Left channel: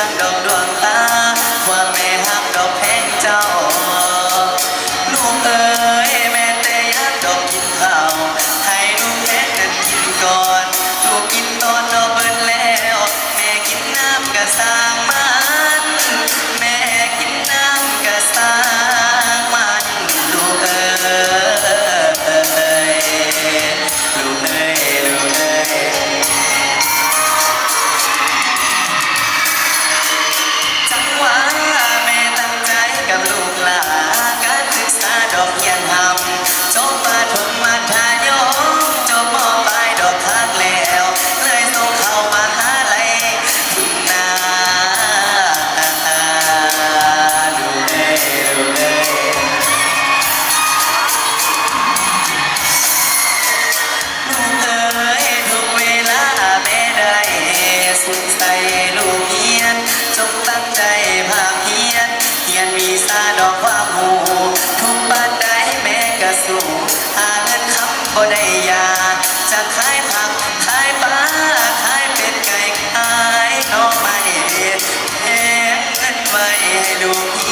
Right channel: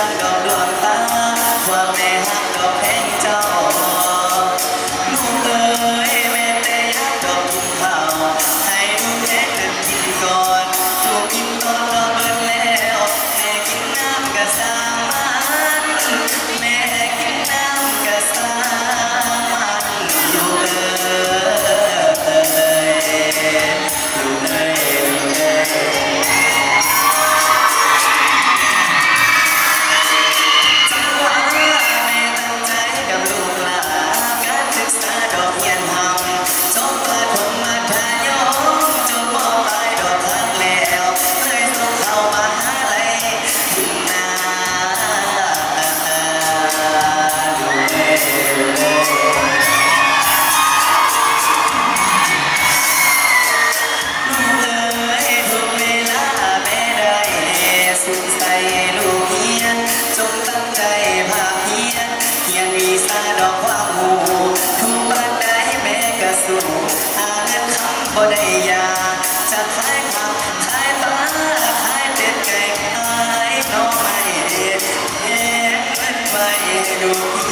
ดังดอกดวงตาว่าแม่ฮักดอกแพงเจ้าลูกเอ๋ยแม่แต่ยักดอกกินข้าวให้ลูกแม่นั้นกินก่อนลูกกินตอนดอกเบิดแล้วแม่กินน้ำกะสร้างมันแม่กินน้ำกะสร้างมันลูกเอ๋ยลูกเอ๋ยลูกเอ๋ยจังหวะแม่ตั้งใจกับลูกหลานการศึกษาดอกเรียนทำจบประถมมัธยมจบม.ปลายดอกทักแล้วเลยส่งเข้ามหาลัยทุ่งนาดูเอ้ยดูเอ้ยลูกเอ๋ยทุกเวลาแม่ได้สุขใส่ลูกเฮียนจงตั้งใจภาคเพียรเขียนวีซ่าดอกความหูทุกบ้านใดแม่ก็สู้หาเงินคำบ่ได้ยาจะขายผักขายปลาขายเป็ดไก่ขายหน่อไม้เฮ็ดเงินไว้ให้ลูก